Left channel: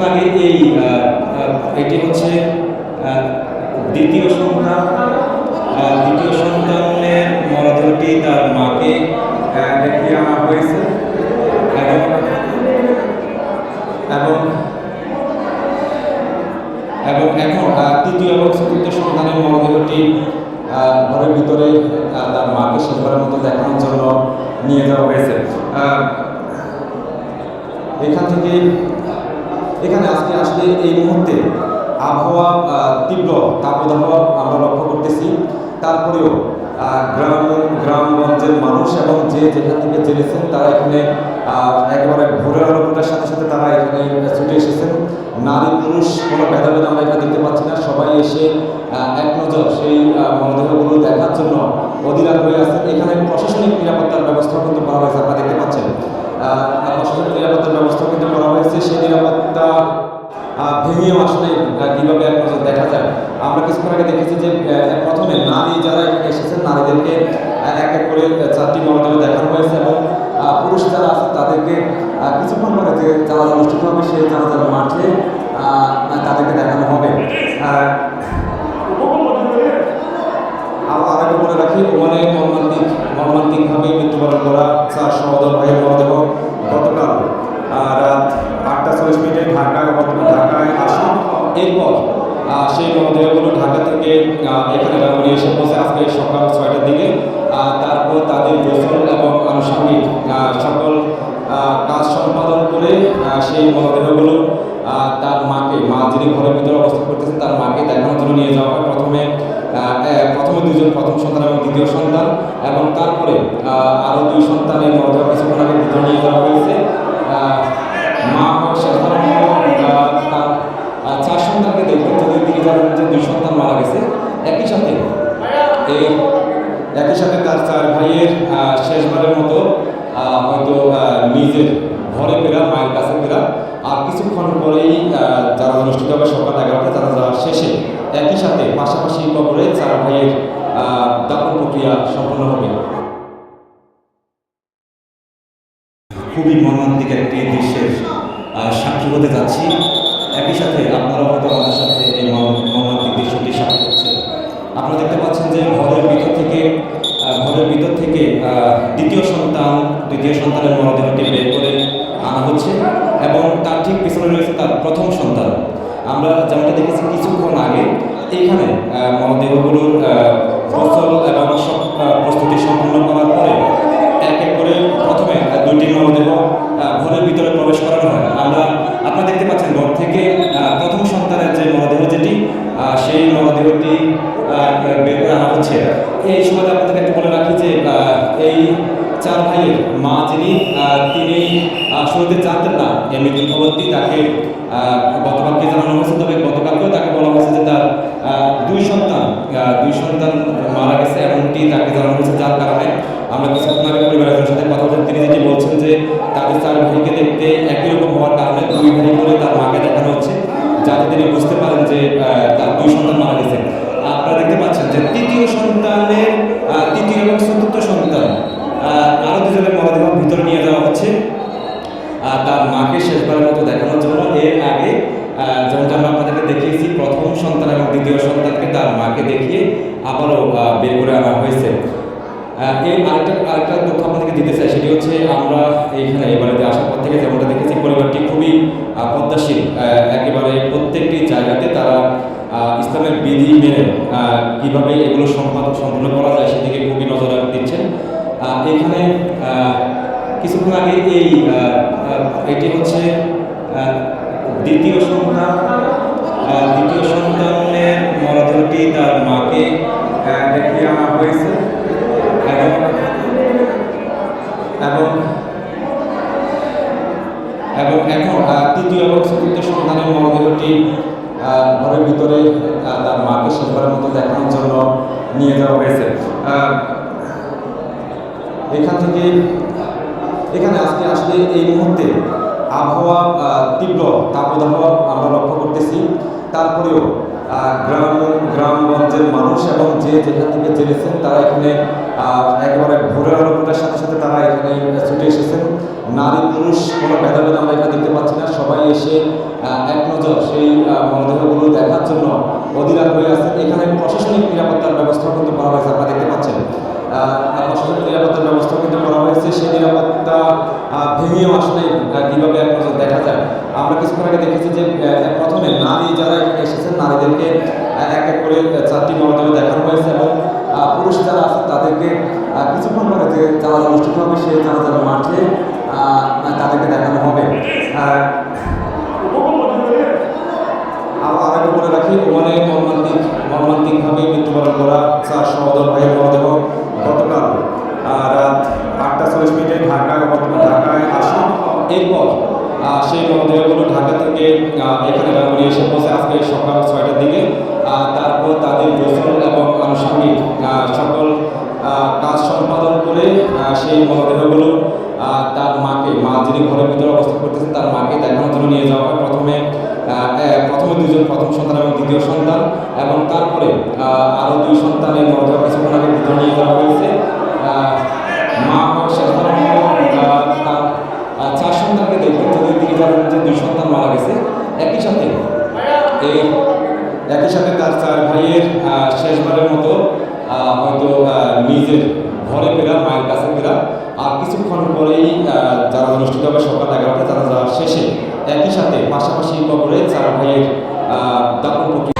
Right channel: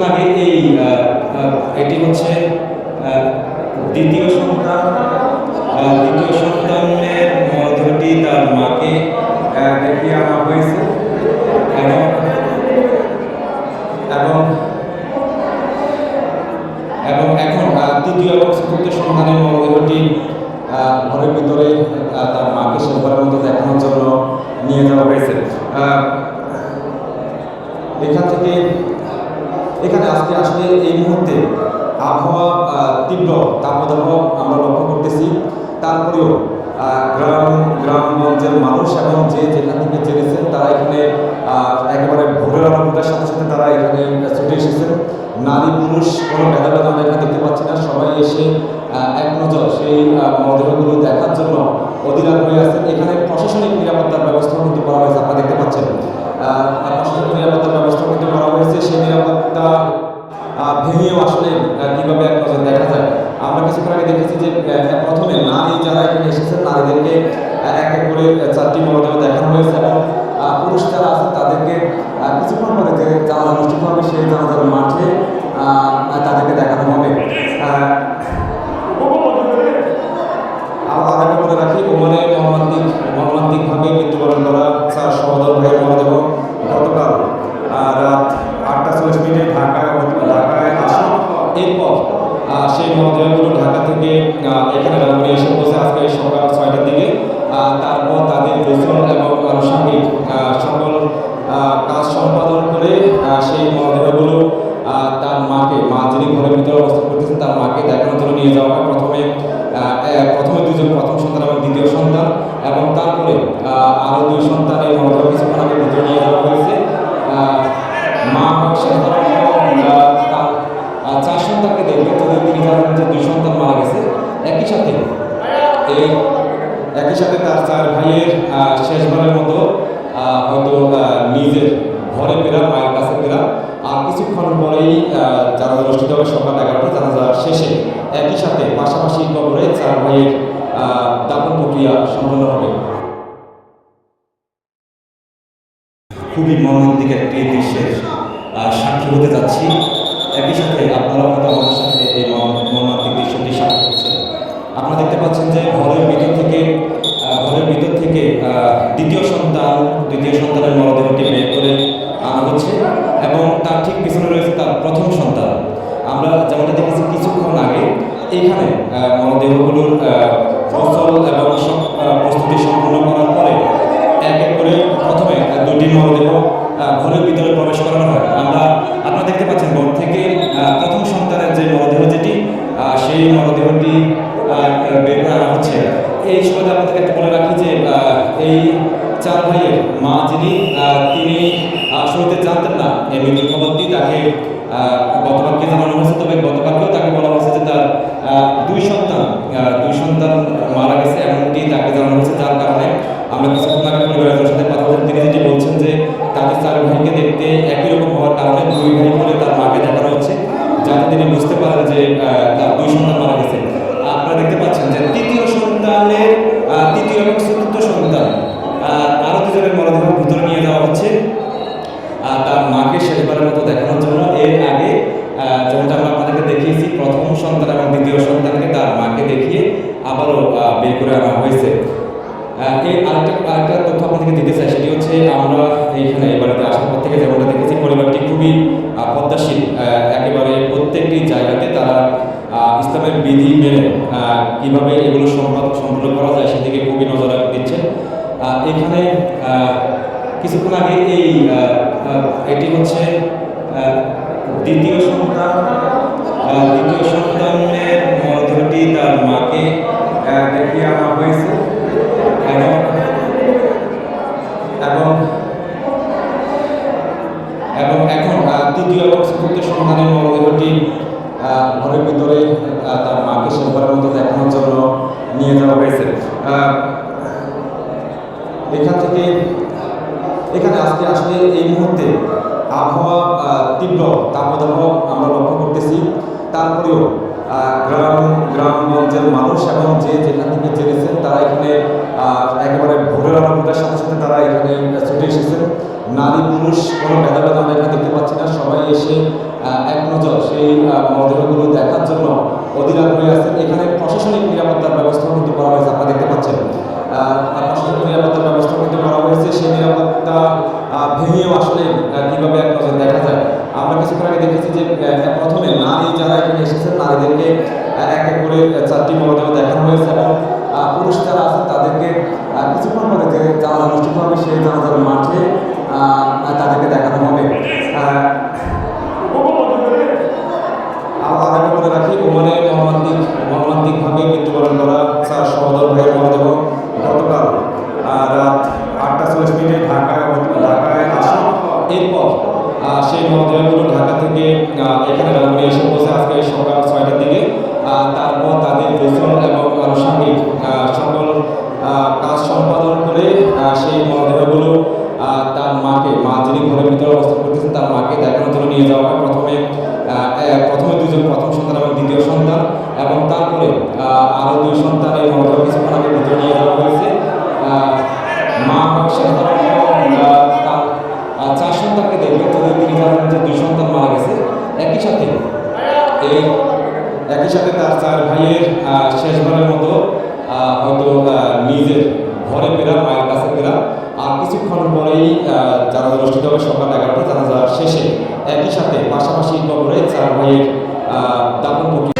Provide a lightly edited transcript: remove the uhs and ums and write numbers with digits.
কিছুক্ষণ আগে এটি হচ্ছে দ্বিতীয় সন্তানের মরদেহটি তার মাকে দেখিয়ে আনা হয়েছে এবং এবং এখন তৃতীয় এবং চতুর্থ সন্তানের মরদেহটি ঘরের ভিতরে তার মাকে শেষবারের মতো দেখানোর জন্য নিয়ে যাওয়া হয়েছে। এখানে আজকে আসলে এই মুহূর্তে আবহাওয়া তীব্র তাপদাহ আমরা লক্ষ্য করতেছি। তারপরেও গ্রামগঞ্জের মানুষ এবং যে যেখান থেকে জেনেছেন তারা এখানে একেবারে ভোরের আলো ফোটার সাথে সাথে তারা এখানে ছুটে এসেছেন। নারী পুরুষ কোনো ভেদাভেদ আমরা এখানে দেখতে পাচ্ছি না। সবাই এসে এক নজর সেই মরদেহগুলো দেখার জন্য অধীর আগ্রহী আছেন। এখানে প্রশাসনিক নিরাপত্তার ব্যবস্থাও কিন্তু করা হয়েছে, আপনারা দেখতে পাচ্ছেন। প্রশাসনিক নিরাপত্তার ব্যবস্থা কিন্তু করা হয়েছে। সেই নিরাপত্তা ভেঙেও আসলে কীভাবে এক নজর দেখা যায়। আমরা কিছুক্ষণ আগে দেখেছি যে প্রথমে নারী যারা এখানে এসেছেন তাদেরকে এক এক করে 4টি মরদেহ দেখানো হয়েছে এবং পুরুষ যারা আছে তাদেরকে কিছুক্ষণ পরে যে জানাজা অনুষ্ঠিত হবে সেই জানাজার মাঠে তাদেরকে দেখানো হবে। আর আগে বলে রাখি, ওমানে মর্মান্তিকভাবে মৃত্যুবরণ করা 4 সহোদর ভাইয়ের মরদেহ গতকাল রাত 8:40 ঢাকায় আসে। এরপর সেই মরদেহগুলো ঢাকা থেকে এখানে রাঙ্গুনিয়া এসে পৌঁছে আজকে সকাল 6টার দিকে। তারপর তাদের গোসল এবং আনুষঙ্গিক সকল কাজ সম্পাদন করে সেই মরদেহগুলো তার মা যিনি ঘরের ভিতরে অবস্থান করতেছেন তার মাকে দেখানোর জন্য নিয়ে যাওয়া হয়। প্রথমে দুজন, প্রথম সন্তান এবং দ্বিতীয় সন্তান, এবং তারপরে আরও 2 সন্তানের মরদেহ কিছুক্ষণ আগে ভিতরে নিয়ে যাওয়া হয়েছে। মা হয় শেষবারের মতো তার 4 সন্তানকে দেখবেন, যদিও তিনি জানেন যে 2 সন্তান মারা গেছে। একই সাথে তার 4 ভাইয়ের শেষবারের মতো হয়তো নিজের ঘরে ফেরা, মায়ের কাছে ফেরা। আর কিছুক্ষণ পরেই জানাজা অনুষ্ঠিত হবে সকাল 11টা। জানাজা শেষে একই সাথে পাশাপাশি কবরে 4 ভাইয়ের দাফন প্রক্রিয়া সম্পন্ন হবে। খুবই মর্মান্তিক একটি দৃশ্যের সাক্ষী হতে যাচ্ছি। একই সাথে আপনারাও হয়তো আমাদের সাথে এই মর্মান্তিক দৃশ্যটি সাক্ষী হচ্ছেন। আপনারা দেখতে পাচ্ছেন যে ঘরের ভিতর থেকে দ্বিতীয় সন্তানের মরদেহটি বের করে আনা হচ্ছে এবং তার ঠিক পেছনে রয়েছে তার প্রথম সন্তান। আমরা যেমনটা দেখেছি কিছুক্ষণ আগে, এইখানে মরদেহগুলোর গোসল এবং সব প্রস্তুতি সম্পূর্ণ করার পরে এক এক করে প্রথমে 2টি মরদেহ ঘরের ভিতরে প্রবেশ করানো হয়। আপনারা দেখতে পাচ্ছেন ঘর থেকে প্রথম সন্তানের যে মরদেহ যেটি, সেই মরদেহটি বের করে আনা হচ্ছে। এই সময়টা আপনাদেরকে একটু বলে রাখি যে এই 4 ভাইয়ের মা যিনি, তিনি শুরুতে জানতেন না এই মৃত্যুর খবরটি। তাকে গতকালকে জানানো হয়েছে, তবে গতকালকেও তাকে বলা হয়েছে যে তার 2 সন্তান মারা গেছে এমনটি তাকে জানানো হয়েছে। যার কারণে আমরা কিছুক্ষণ আগে পরিবারের সাথে কথা বলছেন, তিনি যেটি বলছেন যে তাদের 4 ভাইকে দেখতে একই রকম হওয়ার কারণে 2 ভাই বলে তার মাকে দেখানো হচ্ছে, যাতে তিনি বুঝতে পারেন যে তার 2 সন্তান মারা গেছে। আপনারা দেখতে পাচ্ছেন যে তৃতীয় এবং চতুর্থ সন্তান আরও 2 জনের মরদেহ ভিতরে নিয়ে যাওয়া হচ্ছে তার মাকে শেষবারের মতো দেখানোর জন্য। এর আগে যেমনটা আমরা আপনাদেরকে দেখিয়েছি, প্রথম সন্তান এবং দ্বিতীয় সন্তানকে তার মাকে দেখিয়ে আবারও বের করে আনা হয়েছে। আরেকটা তথ্য আপনাদেরকে দিতে চাই, সেটি হচ্ছে আমরা এইখানে এই বাড়িতে আসার পর থেকে যেমনটা দেখেছি, পরিবারটি খুবই পদ্মাশীল। একেবারে প্রত্যেকটি জায়গাতে তারা ইসলামের বিধি মেনে কীভাবে এগুলো সম্পূর্ণ করা যায় সেদিকে খুবই নজর দিচ্ছেন। এখানে কিছুক্ষণ আগে এটি হচ্ছে দ্বিতীয় সন্তানের মরদেহটি তার মাকে দেখিয়ে আনা হয়েছে এবং এখন তৃতীয় এবং চতুর্থ সন্তানের মরদেহটি ঘরের ভিতরে তার মাকে শেষবারের মতো দেখানোর জন্য নিয়ে যাওয়া হয়েছে। এখানে আজকে আসলে এই মুহূর্তে আবহাওয়া তীব্র তাপদাহ আমরা লক্ষ্য করতেছি। তারপরেও গ্রামগঞ্জের মানুষ এবং যে যেখান থেকে জেনেছেন তারা এখানে একেবারে ভোরের আলো ফোটার সাথে সাথে তারা এখানে ছুটে এসেছেন। নারী পুরুষ কোনো ভেদাভেদ আমরা এখানে দেখতে পাচ্ছি না। সবাই এসে এক নজর সেই মরদেহগুলো দেখার জন্য অধীর আগ্রহী আছেন। এখানে প্রশাসনিক নিরাপত্তার ব্যবস্থাও কিন্তু করা হয়েছে, আপনারা দেখতে পাচ্ছেন প্রশাসনিক নিরাপত্তার ব্যবস্থা কিন্তু করা হয়েছে। সেই নিরাপত্তা ভেঙেও আসলে কীভাবে এক নজর দেখা যায়। আমরা কিছুক্ষণ আগে দেখেছি যে প্রথমে নারী যারা এখানে এসেছেন নারীদেরকে এক এক করে 4টি মরদেহ দেখানো হয়েছে এবং পুরুষ যারা আছেন তাদেরকে কিছুক্ষণ পরে যে জানাজা অনুষ্ঠিত হবে সেই জানাজার মাঠে তাদেরকে দেখানো হবে। আর একটা বলে রাখি, ওমানে মর্মান্তিকভাবে মৃত্যুবরণ করা স্যার সহদর ভাইয়ের মরদেহ গতকাল রাত 8:40 ঢাকায় আসে। এরপর সেই মরদেহগুলো ঢাকা থেকে এখানে রাঙ্গুনি এসে পৌঁছে আজকে সকাল 6টার দিকে। তারপর তাদের গোসল এবং আনুষঙ্গিক সকল কাজ সম্পাদন করে সেই মরদেহগুলো তার মাকে, যিনি ঘরের ভিতরে অবস্থান করতেছেন তার মাকে দেখানোর জন্য নিয়ে যাওয়া হয়। প্রথমে দুজন, প্রথম সন্তান এবং দ্বিতীয় সন্তান, এবং তারপরে আরও 2 সন্তানের মরদেহ কিছুক্ষণ আগে ভিতরে নিয়ে যাওয়া হয়েছে। মা শেষবারের মতো তার 4 সন্তানকে দেখবেন, যদিও তিনি জানেন যে 2 সন্তান মারা গেছে। একই সাথে তার 4 ভাইয়ের শেষবারের মতো হয়তো নিজের ঘরে ফেরা, মায়ের কাছে ফেরা। আর কিছুক্ষণ পরেই জানাজা অনুষ্ঠিত হবে সকাল 11টা। জানাজা শেষে একই সাথে পাশাপাশি কবরে 4 ভাইয়ের দাফন প্রক্রিয়া